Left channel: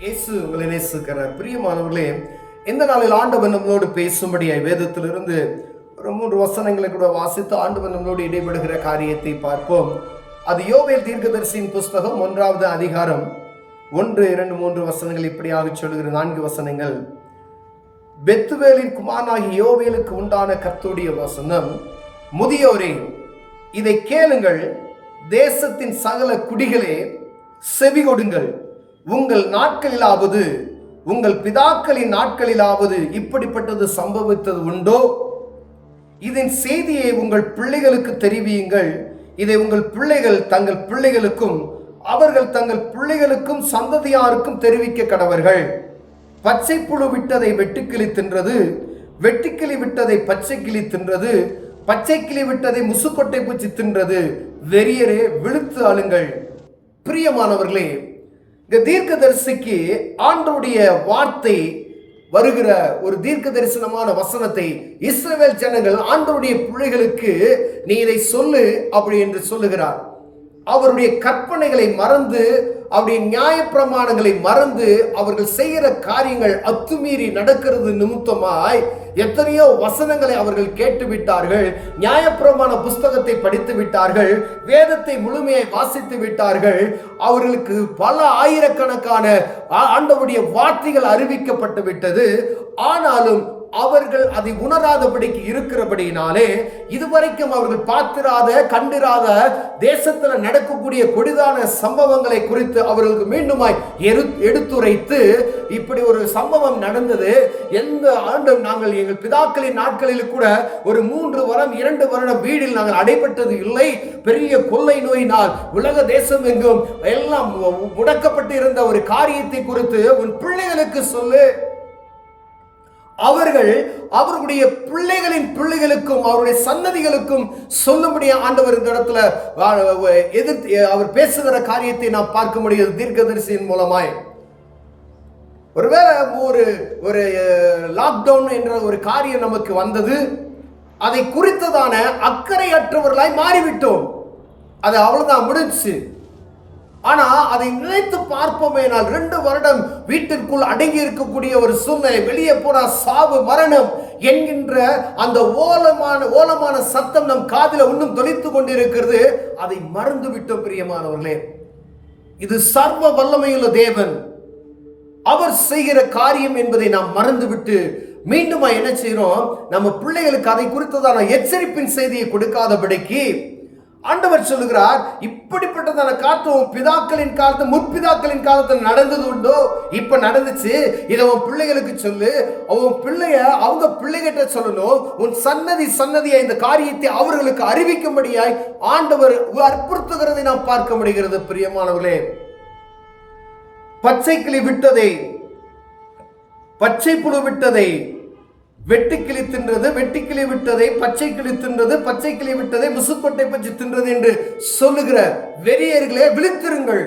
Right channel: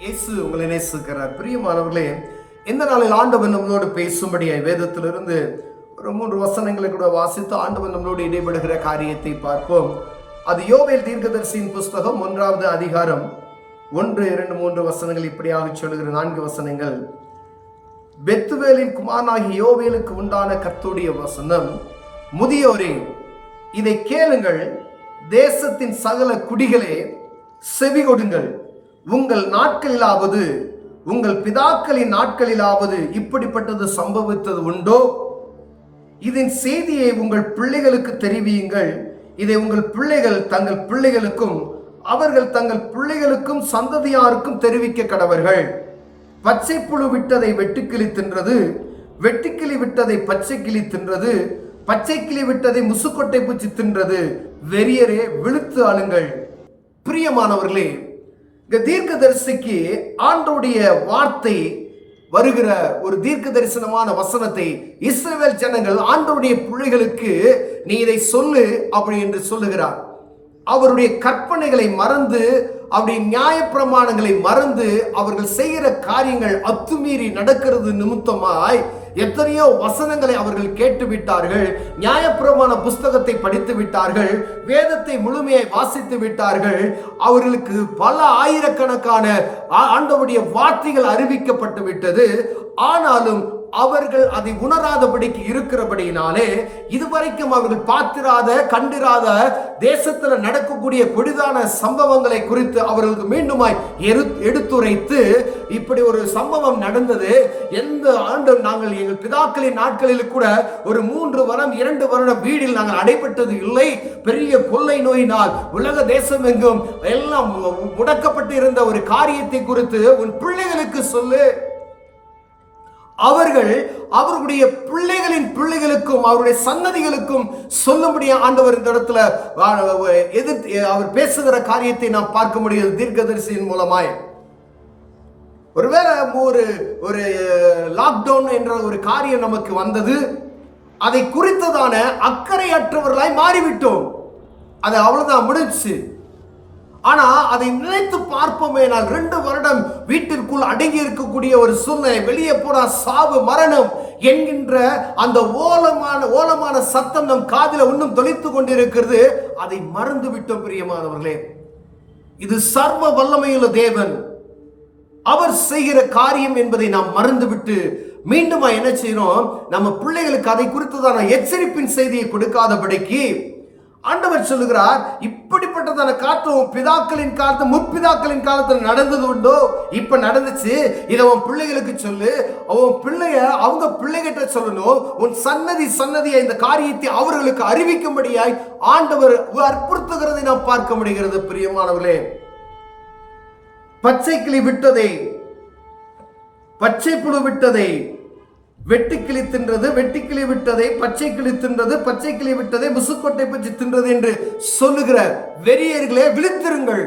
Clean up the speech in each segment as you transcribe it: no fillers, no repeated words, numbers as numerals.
இயேசு உங்களை நேசிக்கிறார். பிரியமானவர்களே, இந்த நாளில் ஆண்டவர் நம்மளோடு பேசும்படியாய் வேதத்திலிருந்து ஒரு 3 வசனங்களை கூட வாசித்து ஆண்டவர் நம்மளோடு இடைபடுகிற காரியத்தை பார்ப்போம். அது யோவேல் தீர்க்கதரிசியின் புஸ்தகம் 1வது அதிகாரம் 1, 2, 3 வசனங்கள் இப்படியாக சொல்லுகிற 4 வசனங்கள். பெத்துவேலின் குமாரனாகிய யோவேலுக்கு உண்டான கர்த்தருடைய வசனம், முதியோரே இதை கேளுங்கள், தேசத்தின் சகல குடிகளே செவி கொடுங்கள். உங்கள் நாட்களிலாவது உங்கள் பிதாக்களின் நாட்களிலாவது இப்படிப்பட்டது சம்பவித்தது உண்டோ? இதன் செய்தியை உங்கள் பிள்ளைகளுக்கு தெரிவியுங்கள். இதை உங்கள் பிள்ளைகள் தங்கள் பிள்ளைகளுக்கும் அவர்கள் தங்கள் பிள்ளைகளுக்கும் சந்ததியாருக்கும் தெரிவிக்க கடவர்கள். பச்சை புழு விட்டதை வெட்டுக்கிளி தின்றது, வெட்டுக்கிளி விட்டதை பச்சை கிளி தின்றது, பச்சை கிளி விட்டதை முசுக்கொட்டை பூச்சி தின்றது. வெறியரே விழுத்து ஆளுங்கள். பிரியமானவர்களே, இந்த தீர்க்கதரிசிக்கு ஆண்டவருடைய வார்த்தை வருகிற ஒரு தீர்க்க தரிசனமான வசனத்தை இஸ்ரவேல் ஜனங்கள் ஆண்டவருடைய பிள்ளைகளுக்கு நீ இதை சொல்லு அப்படி என்று சொல்லுகிறார். அவருடைய கற்பனைகளை மறந்து, அவருடைய நியாயப்பிரமாணங்களை மறந்து அவர்கள் செய்கிற காரியங்கள் அத்துமீறி நடக்கிறது நிமித்தமாய் எத்தனையோ வசனங்களை அவர்கள் கேட்டு விட்டார்கள். நியாயப்பிரமாண புஸ்தகத்தை படித்து விட்டார்கள், வேதத்தை முழுமையாய் வாசித்து விட்டார்கள். அவர்களுக்கு பல ஆயிரக்கணக்கான ஆண்டவருடைய வார்த்தைகள் அறிவிக்கப்பட்டு விட்டது. ஆனாலும் அவர்கள் அதை உணராதபடிக்கு இருக்கிறபடியினாலே இதுவரைக்கும் அவர்கள் பார்த்திராத கண்டிராத தேசத்தில் நடக்கக்கூடிய கொடிதான சம்பவங்களை குறித்து அவர்களுக்கு மீண்டுமாய் எடுத்துரைத்து, இப்படி ஒரு சம்பவம் நடந்தது, எந்த ஆண்டும் நாங்கள் எங்கள் பிதாக்களின் நாட்களில் கூட ஒரு 3 வருடம் 2 வருடம் வீடில் நாங்கள் அடைபட்டது இல்லை. பெரிய கொள்ளை நோயினால் உலக தேசம் எங்கும் எல்லாம் முடக்கப்பட்டு இருந்த ஒரு காரியத்தை குறித்து உன் பிள்ளைகளுக்கு சொல்லு. அவர்கள் அவர்களுடைய பிள்ளைகளின் பிள்ளைகளுக்கும் அவருடைய சன்னதிகளுக்கும் சொல்லும்படியா ஆண்டவர் இந்த இடத்துல அவர் பேசுகிற காரியத்தை நாம் பார்க்க முடியும் தீர்க்கதரிசியின் மூலமாய். ஒருவேளை ஒரு லாக்டவுன் என்ற ஒரு காரியம் நமக்கு வந்தது, அதை குறித்ததான அக்கறையற்றவர்களாய் மாறிவிட்டோம். அது அவ்வளவுதான், முடிஞ்சு. ஆனா அதை நினைத்து பார்ப்போமேனால் 2 வருடம் வீட்டிற்குள் அடங்கி இருக்கக்கூடிய ஒரு சூழ்நிலை, வெளியே போனா சாவு மரணம் என்கின்ற அந்த ஓலமான சத்தம் நம் காதில இன்னும் தொலைத்து கொண்டிருக்கிறது. அதை மறந்து விட்டோம். பிரியமானவர்களே, இது சர்வ வல்லமையுள்ள தேவன், அவர் செய்கிற காரியம் என்பதை நாம் மறந்துவிட்டு மீண்டும் என்ன செய்யறோம், நம்ம பிள்ளைகளுக்கு அதை குறித்ததான எச்சரிப்பின் செய்தியை கொடுக்காதபடிக்கு ஆண்டவர் சொல்லுகிறார், இப்படிப்பட்டதான காத்து உன் பிதாக்களின் காலத்து முற்பிதாக்களின் காலத்தில் நடந்தது உண்டோ? இப்ப நடந்துச்சு, இதை உன் பிள்ளைகளுக்கு சொல்லு. உன் பிள்ளைய அவங்க பிள்ளைகிட்ட சொல்லணும். உன் சன்னதியை இந்த காரியத்தை அவர்களுக்கு அறிவிக்கும்படியாய் ஆண்டவர் அற்புறுத்துகிறதை நாம் பார்க்க முடிகிறது. பிரியமானவர்களே, பச்சை கிளி விட்டதை பச்சை புழு விட்டதை வெட்டுக்கிளி தின்றது, வெட்டுக்கிளி விட்டதை பச்சை கிளி தின்றது, பச்சை கிளி விட்டதை முசுக்கொட்டை பற்றி தின்றது என்று சொல்லுகிற வெறியர்களே விழித்திருங்கள்.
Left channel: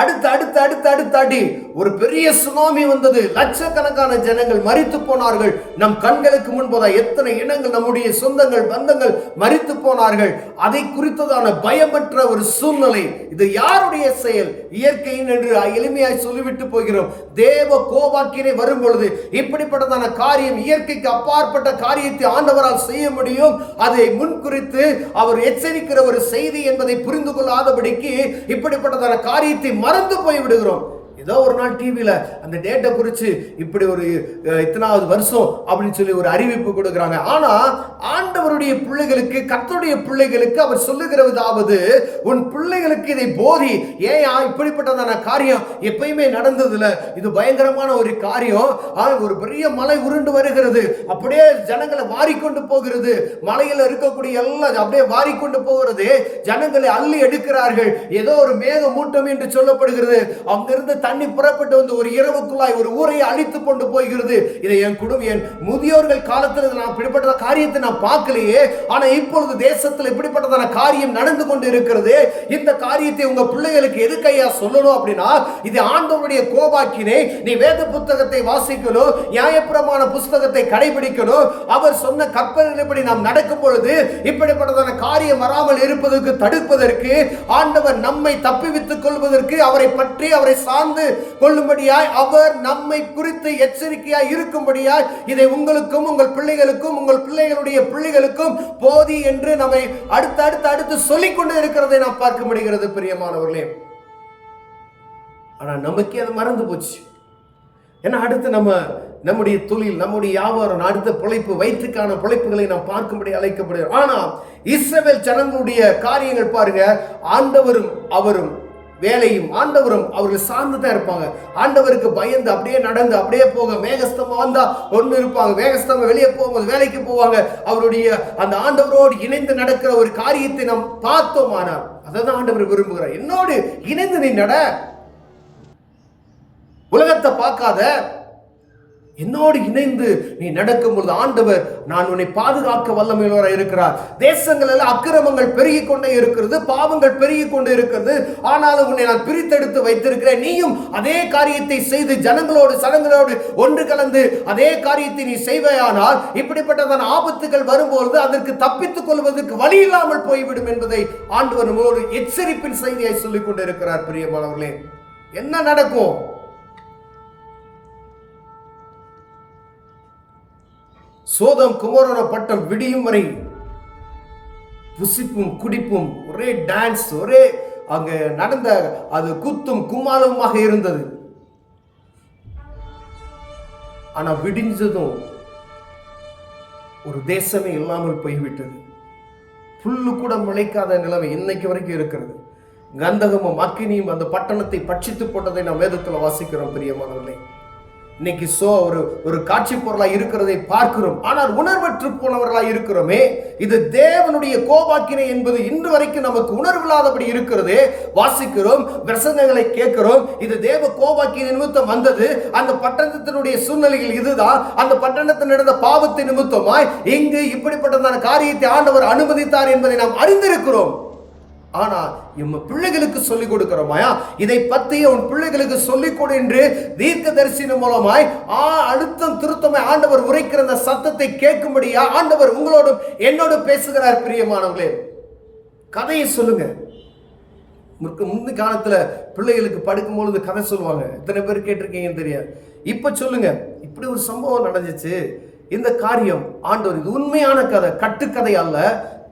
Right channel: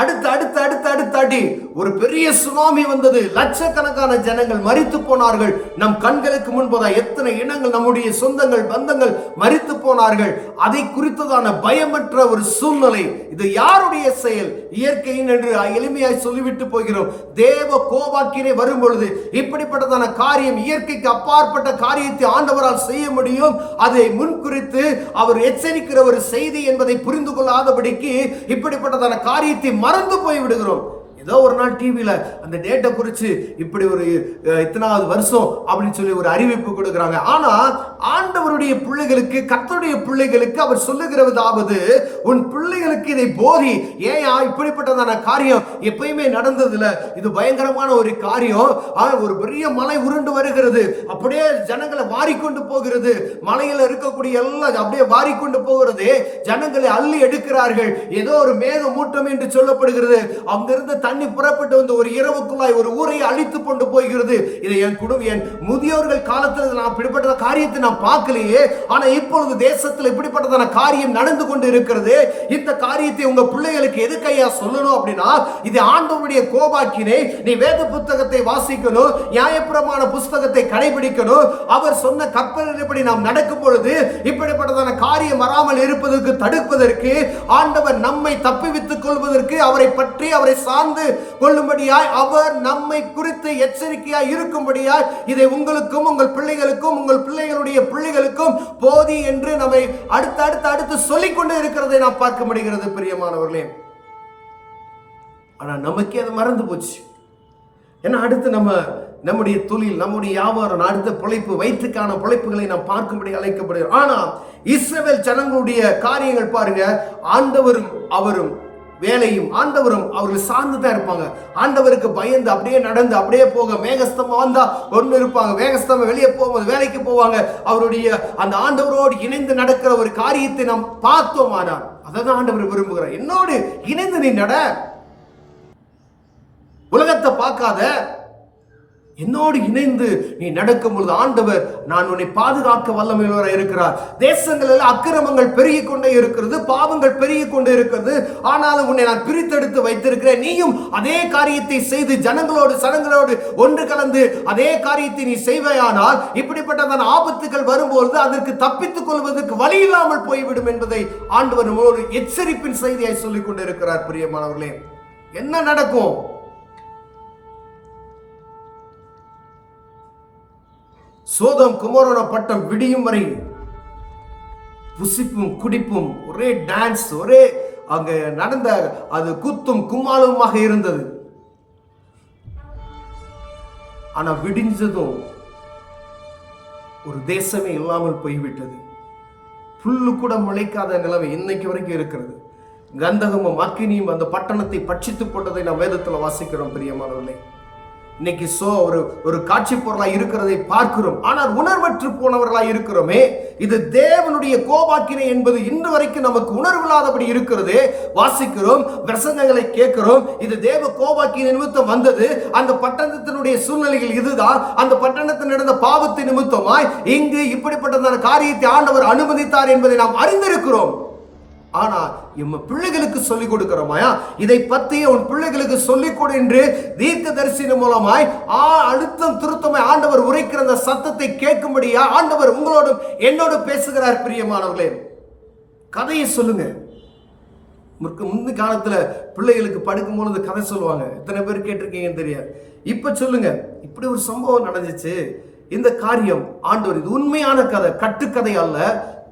அடுத்து ஒரு பெரிய சுனாமி வந்தது. லட்சக்கணக்கான ஜனங்கள் மரித்து போனார்கள். நம் கண்களுக்கு முன்பதாக எத்தனை இனங்கள், நம்முடைய சொந்தங்கள் பந்தங்கள் மரித்து போனார்கள். அதை குறித்ததான பயமற்ற ஒரு சூழ்நிலை. இது யாருடைய செயல்? இயற்கையின் என்று எளிமையாய் சொல்லிவிட்டு போகிறோம். தேவ கோபாக்கினை வரும் பொழுது இப்படிப்பட்டதான காரியம், இயற்கைக்கு அப்பாற்பட்ட காரியத்தை ஆண்டவரால் செய்ய முடியும். அதை முன்குறித்து அவர் எச்சரிக்கிற ஒரு செய்தி என்பதை புரிந்து கொள்ளாதபடிக்கு இப்படிப்பட்டதான காரியத்தை மறந்து போய் விடுகிறோம். ஏதோ ஒரு நாள் டிவியில அந்த டேட்டை குறித்து இப்படி ஒரு இத்தனாவது வருஷம் அப்படின்னு சொல்லி ஒரு அறிவிப்பு கொடுக்குறாங்க. ஆனா ஆண்டவருடைய பிள்ளைகளுக்கு, கர்த்தருடைய பிள்ளைகளுக்கு அவர் சொல்லுகிறதாவது, உன் பிள்ளைகளுக்கு இதை போதி. ஏயா இப்படிப்பட்டதான காரியம் எப்பயுமே நடந்ததில்ல, இது பயங்கரமான ஒரு காரியம். ஒரு பெரிய மலை உருண்டு வருகிறது, அப்படியே ஜனங்களை வாரிக்கொண்டு போகிறது. மலையில இருக்கக்கூடிய எல்லாம் அப்படியே வாரிக்கொண்டு போகிறது. ஜனங்களை அள்ளி எடுக்கிறார்கள். ஏதோ ஒரு மேக மூட்டம் என்று சொல்லப்படுகிறது. அங்கிருந்து தண்ணி புறப்பட்டு வந்து ஒரு இரவுக்குள்ளாய் ஒரு ஊரை அழித்து கொண்டு போகிறது. இதை என் என் முதியோர்கள் காலத்தில் நான் இப்படிப்பட்ட காரியத்தை நான் பார்க்கலையே. ஆனா இப்பொழுது தேசத்தில் இப்படிப்பட்டதான காரியம் நடந்து கொண்டு இருக்கிறது. இந்த காரியத்தை உங்க பிள்ளைகளுக்கு எதுக்கையா சொல்லணும் அப்படின்னா, இது ஆண்டவருடைய கோபாக்கினை. நீ வேத புத்தகத்தை வாசிக்கணும், நியாயப்பிரமாண புஸ்தகத்தை கடைபிடிக்கணும். அவர் சொன்ன கற்பனைப்படி நாம் நடக்கும் பொழுது இப்படிப்பட்டதான காரியம் வராமல் இருப்பதற்கு தடுப்பதற்கு, ஆண்டவர் நம்மை தப்பிவித்துக் கொள்வதற்கு, அவரை பற்றி அவரை சார்ந்து காத்து கொள்ளும்படியாய் அவர் நம்மை குறித்து எச்சரிக்கையாய் இருக்கும்படியாய் இதை உங்களுக்கும் உங்கள் பிள்ளைகளுக்கும் உங்கள் பிள்ளைகளுடைய பிள்ளைகளுக்கும் போதி என்று நம்மை அடுத்து சொல்லிக் கொண்டு இருக்கிறதை நாம் பார்க்க முடிகிறது பிரியமானவர்களே. ஆனா நமக்கே அது மறந்து போச்சு. ஏன்னா அடுத்து நம்முடைய தொழில், நம்முடைய வியாபாரம், அடுத்த பிழைப்பு, வயிற்றுக்கான பிழைப்புகளை நாம் பார்க்கும்படி அழைக்கப்படுகிறோம். ஆனா இஸ்ரவேல் ஜனங்களுடைய காரியங்கள் பாருங்க, ஆண்டவரும் அவரும் வேலையும் ஆண்டவரும் அவர்கள் சார்ந்து தான் இருப்பாங்க. ஆண்டவருக்கு பயந்து அப்படியே நடந்து அப்படியே போக, மேகஸ்தம்பம் வந்தா ஒன்று இருப்பாங்க, மேகஸ்தம்பம் வெளியே போகும்போது வேலைக்கு போவாங்க. அவருடைய அந்த ஆண்டவரோடு இணைந்து நடக்கிற ஒரு காரியத்தை நாம் பார்த்தோம். ஆனால் அதை தான் ஆண்டவர் விரும்புகிறார். என்னோடு இணைந்து நீ நட, உலகத்தை பார்க்காத, என்னோடு இணைந்து நீ நடக்கும் பொழுது ஆண்டவர் நான் உன்னை பாதுகாக்க வல்லமையுள்ளவராக இருக்கிறார். தேசங்கள் எல்லாம் அக்கிரமங்கள் பெருகி கொண்டே இருக்கிறது, பாவங்கள் பெருகி கொண்டே இருக்கிறது. ஆனாலும் உன்னை நான் பிரித்தெடுத்து வைத்திருக்கிறேன். நீயும் அதே காரியத்தை செய்து ஜனங்களோடு ஒன்று கலந்து அதே காரியத்தை நீ செய்வாயானால் இப்படிப்பட்டதான ஆபத்துகள் வரும்போது அதற்கு தப்பித்துக் கொள்வதற்கு வழி இல்லாமல் போய்விடும் என்பதை ஆண்டவர் நம்மளோடு எச்சரிப்பின் செய்தியை சொல்லிக் கொண்டிருக்கிறார். பிரியமானவர்களே, என்ன நடக்கும்? சோதம் குமாரோன பட்டம் விடியும் வரை புசிப்பும் குடிப்பும், ஒரே டான்ஸ், ஒரே அங்க நடந்த அது குத்தும் கும்மாளவுமாக இருந்தது. ஆனா விடிஞ்சதும் ஒரு தேசமே இல்லாமல் போய்விட்டது. புல்லு கூட முளைக்காத நிலைமை இன்னைக்கு வரைக்கும் இருக்கிறது. கந்தகமும் அக்கினியும் அந்த பட்டணத்தை பட்சித்து போட்டதை நாம் வேதத்தில் வாசிக்கிறோம். பிரியமானவர்களே, இன்னைக்கு ஒரு காட்சி பொருளாய் இருக்கிறதை பார்க்கிறோம். ஆனால் உணர்வற்று போனவர்களாய் இருக்கிறோமே. இது தேவனுடைய கோபாக்கினை என்பது இன்று வரைக்கும் நமக்கு உணர்வில்லாதபடி இருக்கிறது. வாசிக்கிறோம், பிரசங்கங்களை கேட்கிறோம், இது தேவ கோபாக்கினை நிமித்தம் வந்தது. அந்த பட்டணத்தினுடைய சூழ்நிலைகள் இதுதான். அந்த பட்டணத்தில் நடந்த பாவத்தின் நிமித்தமாய் இங்கு இப்படிப்பட்டதான காரியத்தை ஆண்டவர் அனுமதித்தார் என்பதை நாம் அறிந்திருக்கிறோம். ஆனா நம்ம பிள்ளைகளுக்கு சொல்லிக் கொடுக்கிறோமாயா? இதை பத்தி உன் பிள்ளைகளுக்கு சொல்லிக் கொடு என்று தீர்க்க தரிசனம் மூலமாய் அழுத்தம் திருத்தமாய் ஆண்டவர் உரைக்கிற அந்த சத்தத்தை கேட்கும்படியா ஆண்டவர் உங்களோடும் என்னோடு பேசுகிறார். பிரியமானவர்களே, கதையை சொல்லுங்க. முந்தி காலத்துல பிள்ளைகளுக்கு படுக்கும் பொழுது கதை சொல்லுவாங்க. எத்தனை பேர் கேட்டிருக்கீங்கன்னு தெரியாது. இப்ப சொல்லுங்க, இப்படி ஒரு சம்பவம் நடந்துச்சு, இந்த காரியம் ஆண்டவர், இது உண்மையான கதை, கட்டுக்கதை அல்ல.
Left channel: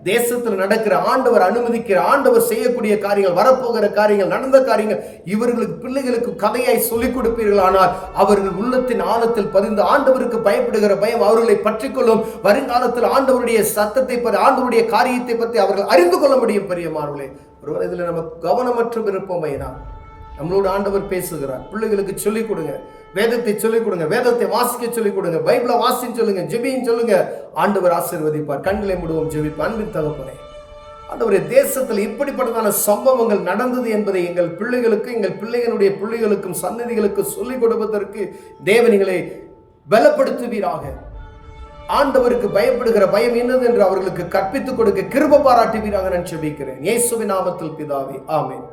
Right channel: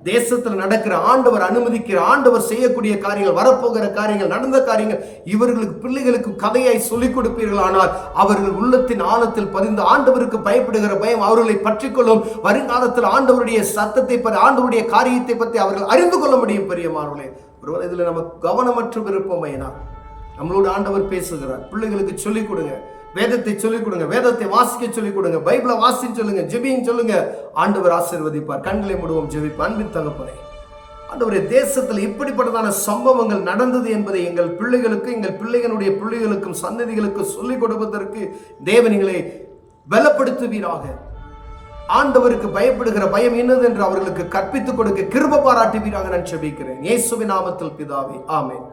தேசத்தில் நடக்கிற, ஆண்டவர் அனுமதிக்கிற, ஆண்டவர் செய்யக்கூடிய காரியங்கள், வரப்போகிற காரியங்கள், நடந்த காரியங்கள் இவர்களுக்கு பிள்ளைகளுக்கு கதையாய் சொல்லிக் கொடுப்பீர்கள். ஆனால் அவர்கள் உள்ளத்தின் ஆழத்தில் பதிந்து ஆண்டவருக்கு பயப்படுகிற பயம் அவர்களை பற்றிக்கொள்ளும். வருங்காலத்தில் ஆண்டவருடைய சத்தத்தை பற்றி, ஆண்டவருடைய காரியத்தை பற்றி அவர்கள் அறிந்து கொள்ள முடியும். பெரியமானவர்களே, ஒருவர் இதில் நம்ம கவனமற்ற விருப்பமைனா நம்மளோட ஆண்டவர் பேசுகிறார். பிள்ளைகளுக்கு சொல்லிக் கொடுங்க, வேதத்தை சொல்லிக் கொடுங்க, வேதத்தை வாசிக்க சொல்லிக் கொடுங்க, பைபிளை வாசின்னு சொல்லுங்க, ஜெபின்னு சொல்லுங்க. ஆண்டவர் ஆசீர்வதிப்பார். கண்களை மூடுவோம், ஜெபிப்போம். அன்பின் தகப்பனே, ஆண்டவரே, தேசத்தில் இப்படிப்பட்டதான சம்பவங்கள் நடந்தது என்பதை எங்கள் பிள்ளைகளுக்கு, எங்கள் பிள்ளைகளுடைய பிள்ளைகளுக்கும் சந்ததிகளுக்கு சொல்லிக் கொடுப்பதற்கு தேவனிகளை பலப்படுத்துவீராக. ஆண்டவருக்கு பயப்படுகிற பயம் என்னது என்று அவர்களுக்கு கற்பித்துக் கொடுக்க கிருபை பாராட்டுவீராக நான் ஜெபிக்கிறேன். இயேசுவின் நாமத்தில் பிதாவே, ஆமென்.